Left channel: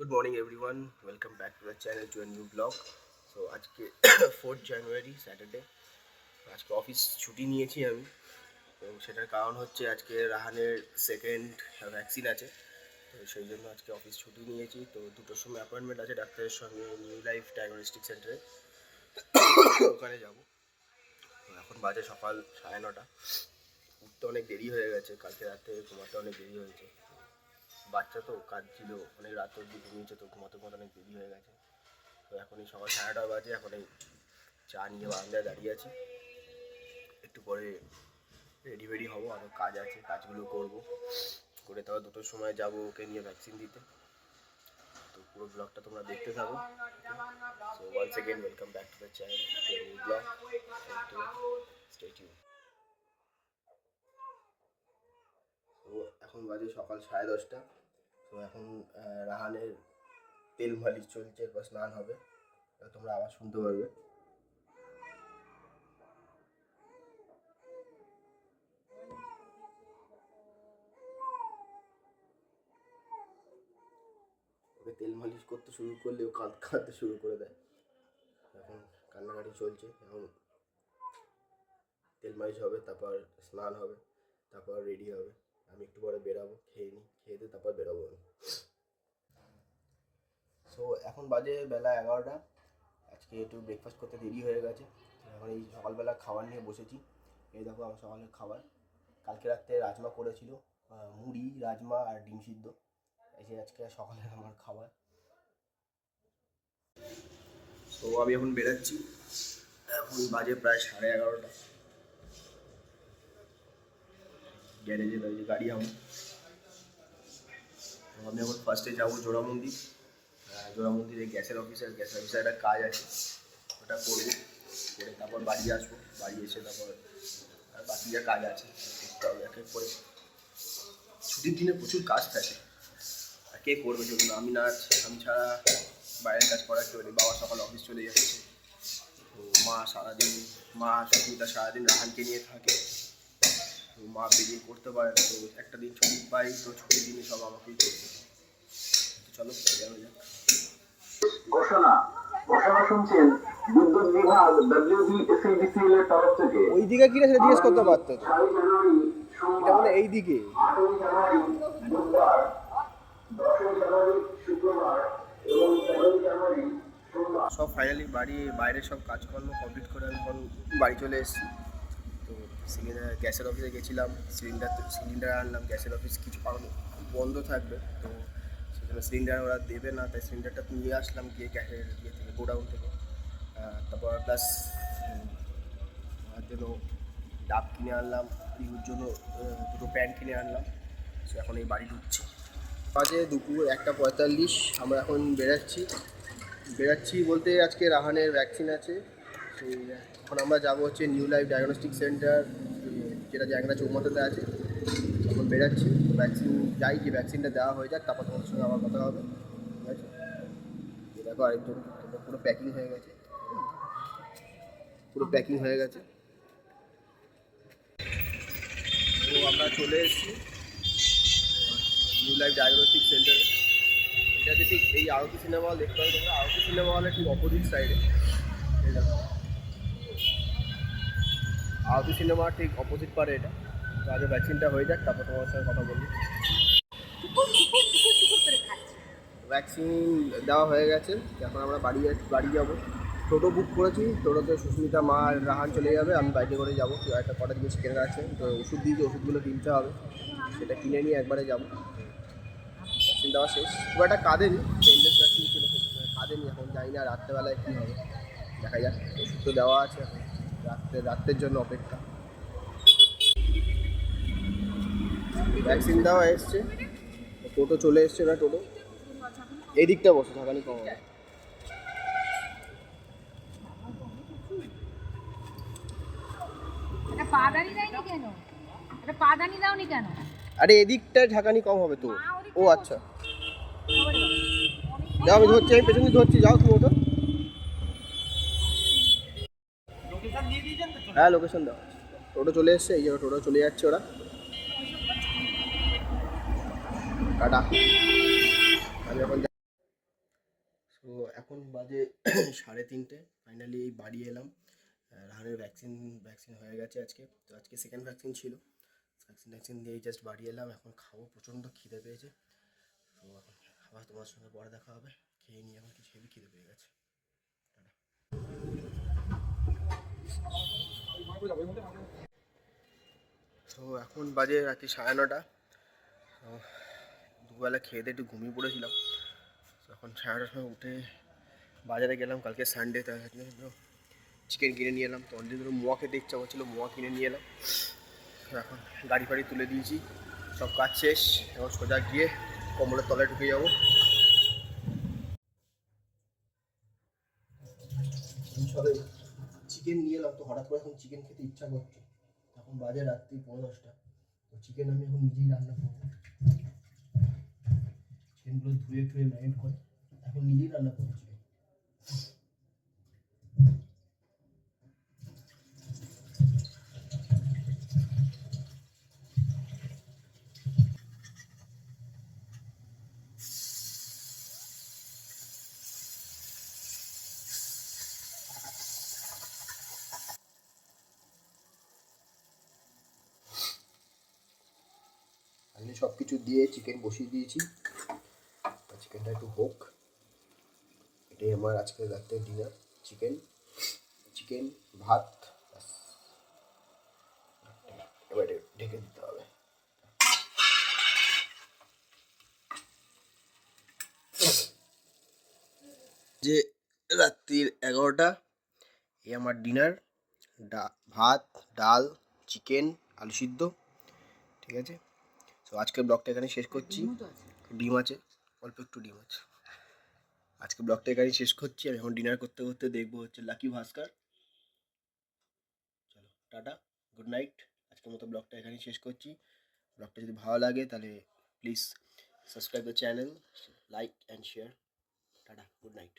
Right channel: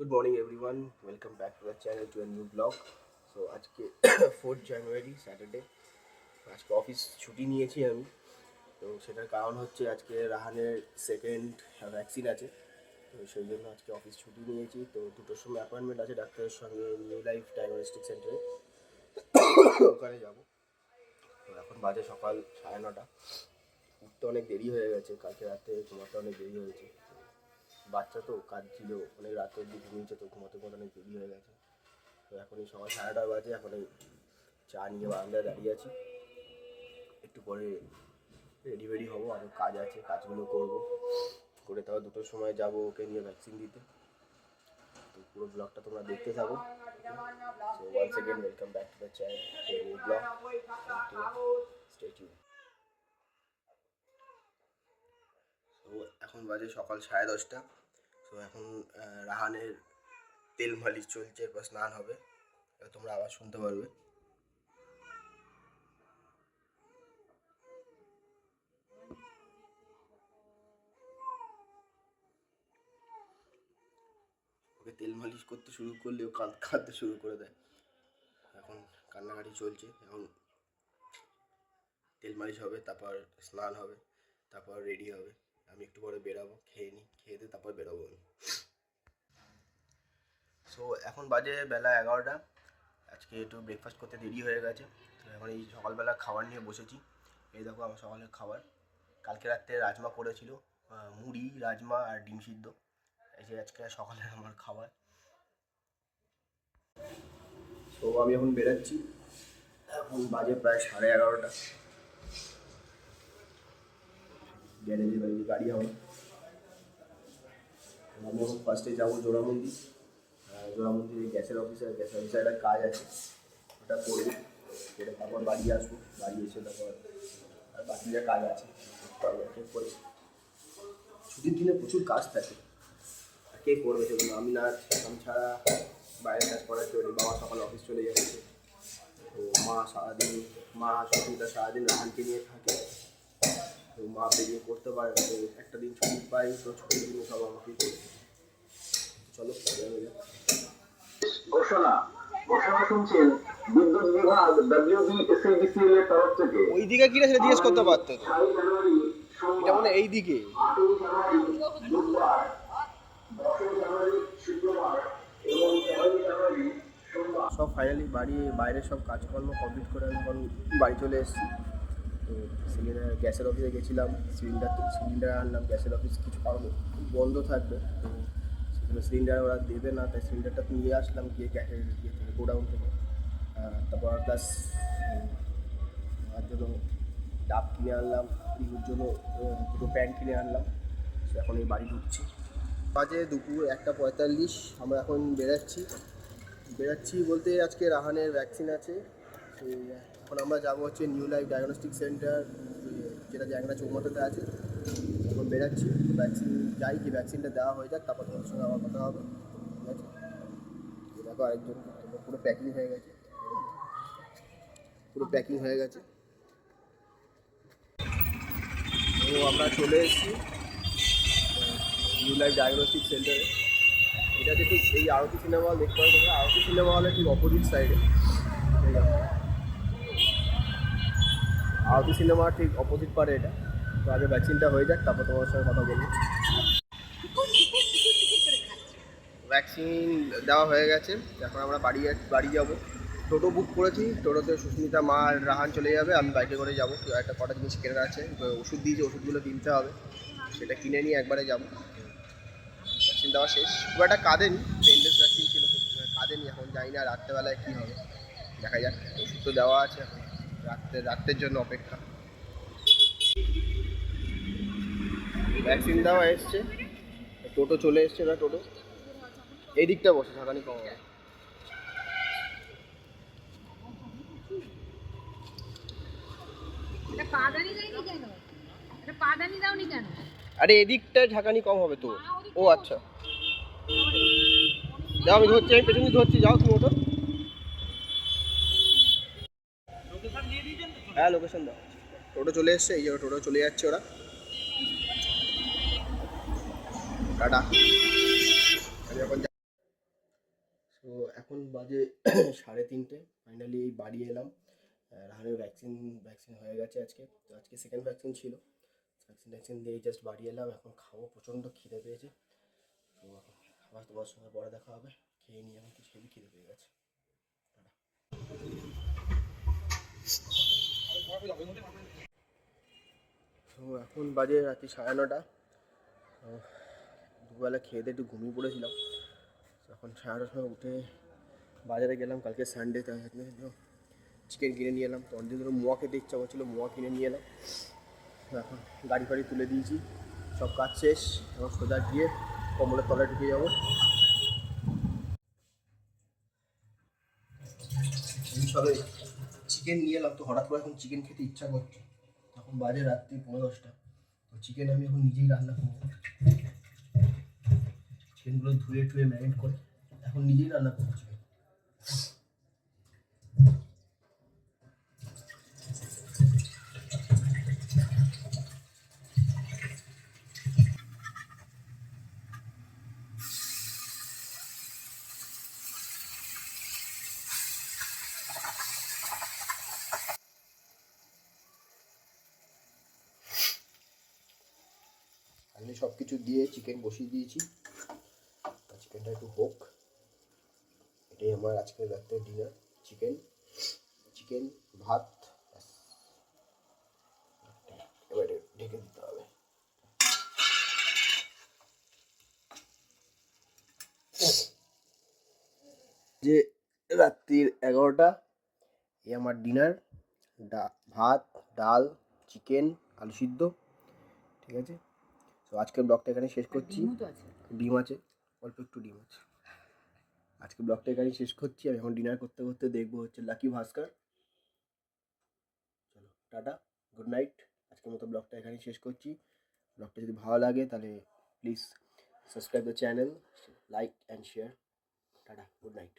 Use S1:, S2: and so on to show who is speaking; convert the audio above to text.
S1: Good morning everyone welcome back to the channel to new vlog so আজকে fourth January Saturday আজকে office ছুটি নিয়েছি আমি। তো সেটার কারণ হচ্ছে আজকে রাহানের সেকেন্ড ভ্যাকসিন আছে। তো সেই জন্য আজকে অফিস ছুটি নিয়েছি। তো দুটোর সময় অ্যাপয়েন্টমেন্ট আছে ডাক্তারের সঙ্গে নিউ লাইফ ডায়াগনস্টিক সেন্টারে ওখানে যাব। তো এখন বাজে সকাল সাড়ে নটা। উঠতে অনেক দেরি হয়ে গেছে। কালকে রাতে ঘুমাতে অনেক দেরি হয়েছে। বাচ্চা তো, কাজ ছিল, অনেক রাত অব্দি ঘুমিয়েছে তো, ঘুমাতে ঘুমাতে অনেক দেরি হয়ে গেছে। তো এখন এই সকাল সাড়ে নটা বাজে, এখন এই চা নিয়ে বারান্দায় দাঁড়িয়ে আছি। একটু পরে রেডি ফেডি হব আরও কাজ আছে, কাজগুলো করব। করে তারপর দুটোর সময় যাব ওকে নিয়ে ভ্যাকসিন দিতে। তো পুরো ব্লগটা তোমরা দেখতে থাকো so once again welcome back to the channel vlog stay তো এখন বাজে সকাল সাড়ে দশটা। তো এখন রাহানের তেল মালিশ চলছে, এরপর স্নান হবে। তোমরা আবার শুনতে পারবে। ওকে তেল মালিশ করতে শুরু করলে ও কাঁদ, কাঁদতে শুরু করে দেয়। এখন কান্নাকাটি চলছে, এখন তেল মালিশ হবে, তারপর স্নান হবে, তারপর রেডি হবে। আমি একটু পরে বেরাবো, খেয়ে নিই খেয়ে দিয়ে তারপর বেরোবো আমি। সো এখন বাজে বেলা এগারোটা। আজকে একটু ব্রেকফাস্ট করতে দেরি হয়ে গেছে। তো এখন এই সকালবেলা খাবার নিয়ে বসেছি। এই দেখো আমার সকালের খাবার। কালকে রাত্রে রাজমা করেছিল মুড়ি, রাজমা আর ডিম সিদ্ধ। এই যে আজকে সকালের আমার খাবার। সো আমি এখন বেরাচ্ছি। এখন বাজে প্রায় সাড়ে এগারোটা। গ্যারেজে দাঁড়িয়ে গাড়ি আমার। আমি এখন ফার্স্টে যাব জোড়া মন্দির জোড়া মন্দিরে গ্যাসের অফিসে গ্যাসের অফিসে একটা কাজ আছে। ওটা করব। করে তারপর বাড়ি আসব। বাড়ি এসে তারপর আর বাকি যা কাজ আছে, করতে হবে করে ছুটির দিনে প্রচুর কাজ থাকে। আর কে করবে সেগুলো আমি না, আমি ছাড়া বাইরের কাজ করার কেউ নেই। বাবা সকালে অফিস চলে যাচ্ছে। তো মা সারাদিন, মা সুস্মিতা সারাদিন রাহানকে নিয়ে থাকে। তো মা বেরিয়ে করতে পারে না তো একটা দিন ছুটি পাই তো ছুটির দিনে সব আমাকেই করতে তো চলো বেরোনো যাক।
S2: ঘোষণা ঘোষণা শুনছেন বিদ্যুৎ বিভাগ ডব্লিউবিএসএডিসিএল এর তরফ থেকে।
S1: ওই দিকে কি সেটা জিজ্ঞেস করতে পারতো এটা মানে সব ফাইনালি বাড়ি বাইরে সব কাজকর্ম কমপ্লিট করে আমি এখন বাড়ি চলে এসেছি। তো সিলিন্ডার, গ্যাসের অফিসে গেছিলাম, সিলিন্ডার সিলিন্ডার আনলাম, গ্যাসের অফিস কিছু বন্ধ থাকবে, তো সেজন্য সিলিন্ডার ওরা দেবে না, তাই সিলিন্ডারটা নিয়ে আসলাম গিয়ে গ্যাসের ইয়ে থেকে, গোডাউন থেকে। তারপর প্লাস আমার জন্য ডাব কিনে আনলাম রিহুর জন্য দুটো প্যান্ট কিনে আনলাম সো এখন এই বাড়ি ঢুকছি। বাজে দুপুর একটা পঁয়তাল্লিশ, আমরা এখন বেরাচ্ছি। বেরাচ্ছি বলতে আজকে রাহানের ভ্যাকসিন আছে। এখন আমরা যাব হচ্ছে নিউ লাইফ ডায়াগনস্টিক সেন্টার যেটা জ্যাংরা চৌমাথাতে আছে। এখন বেরাচ্ছি ভ্যাকসিন যাই কি ভ্যাকসিনটা দেওয়া হয়ে যাক, তারপর তোমার সঙ্গে আমার কথা হবে, ঠিক আছে? দেখো আরেকজন, পুরো প্যাকিং হয়ে গেছে। পুরো প্যাকিং হয়ে গেছে। তো আমরা চলে এসেছি নিউ লাইফ ডায়াগনস্টিক সেন্টারে এটা হচ্ছে ঠিক এই আরতি সিনেমা হল, দেখতে পাবে তোমরা, আরতি সিনেমা হলের ঠিক অপোজিট সাইডে আরতি সিনেমা ঠিক অপোজিট পারে এটা। তো আগে ভ্যাকসিনটা হয়ে যাক, তারপর তোমার সঙ্গে কথা বলব। ভ্যাকসিন দেওয়া হয়ে গেছে, এখন আমরা বাড়ি বাড়ি যাব। টোটো বুক করেছি, টোটোতে সুস্মিতা, মা আর রাহান চলে যাবে, আমি বাইকে করে যাব। একটা কটা জিনিস কেনার আছে ওষুধ দিয়েছে, ওষুধগুলো কিনতে হবে। সেটা কিনে নিয়ে একবারে যাব। ভ্যাকসিন দেওয়া শেষ। খুব একটা কাঁদেনি পেনলেস ভ্যাকসিন ছিল কাঁদেনি, এখন জানি না রাত্রেবেলায় কী হবে। দেখা যাক, ওষুধ তো দেওয়া আছে এখন। রাত্রে রাত্রের জন্য অপেক্ষা। ভ্যাকসিন দেওয়া এসছে। টোটো চলে এসছে না টোটো। এই দিকটা বসে ঝাঁকানি কম হবে। আরে এদিকটা ঝাঁকানি কম হবে তো। ও আচ্ছা। যাও আমি ধরছি আমি পেছনে ধরছি যাও তুমি ওটা হ্যাঁ লোকেশন দাও। টোটো চলে এসছে, এই জায়গায় টোটো চলে যাচ্ছে ওরা। টাটা। আমি এখন এখন বাজে সাড়ে তিনটে। ফাইনালি বাড়ি এলাম। রাহানের ভ্যাকসিন ভ্যাকসিন হয়ে গেছে আজকে। তো আজকে সেকেন্ড ভ্যাকসিন ছিল। ভ্যাকসিন ভ্যাকসিন দিয়ে জাস্ট বাড়ি এলাম। এখন খাব, প্রচণ্ড খিদে পেয়েছে। তো আবার তোমার সঙ্গে পরে দেখা হবে। খেয়ে নিয়ে এখন কিছু হেভি খিদে পেয়ে গেছে। এখন বাজে রাত্রি সাড়ে নটা। দুবেলা খেয়ে দিয়ে একটু ঘুমিয়ে পড়েছিলাম। এখন সাড়ে নটার সময় উঠে বাজারে গেলাম, কালকে সানডে তার চিকেন কিনে নিয়ে এলাম। তো অনেকদিন ধরে মোয়া খেতে ইচ্ছা করছিল, মোয়া কিনে নিয়ে এলাম। এখন গাড়ি ফাড়ি তুলে দিয়েছি, সব কাজ শেষ। এখন সোজা গিয়ে কম্বলের তলায় ঢুকে যাব। চিকেন নিয়ে এলাম। তো হঠাৎ করে এখন চিকেন খেতে ইচ্ছা করছে। তখন বাজে রাত্রি পনেরো দশটা। তো চিকেন আমি এখন নিজেই রান্না করব। চিকেনগুলো ধুয়ে টুয়ে ম্যারিনেট করে এখন নিজেই রান্না করব সব কিছু দিয়ে চিকেন বসিয়ে দিয়েছি। চিকেনটা একটু হোক। এটাই আমার আজকের রাত্রের ডিনার চিকেন চিকেন ভাত। এবার ঢেকে দিতে হবে। যে রাত্রির এগারোটা, এই আমার ডিনার ভাত, ডাল চিকেন আলু সিদ্ধ, ঠিক আছে? তো আজকের ব্লগটা এখানে শেষ করছি। ডিম আছে অল্প একটু ডিম আছে। আজকে ব্লগটা এখানেই শেষ করছি। আমি এখন ডিনার করতে করতে দেখব হচ্ছে লাকি ভাস্কর চলো টাটা গুড নাইট আজকের মতো ব্লগটা এখানেই শেষ করছি। ব্লগটা যদি ভালো লাগে তাহলে please subscribe the channel like and share tata good night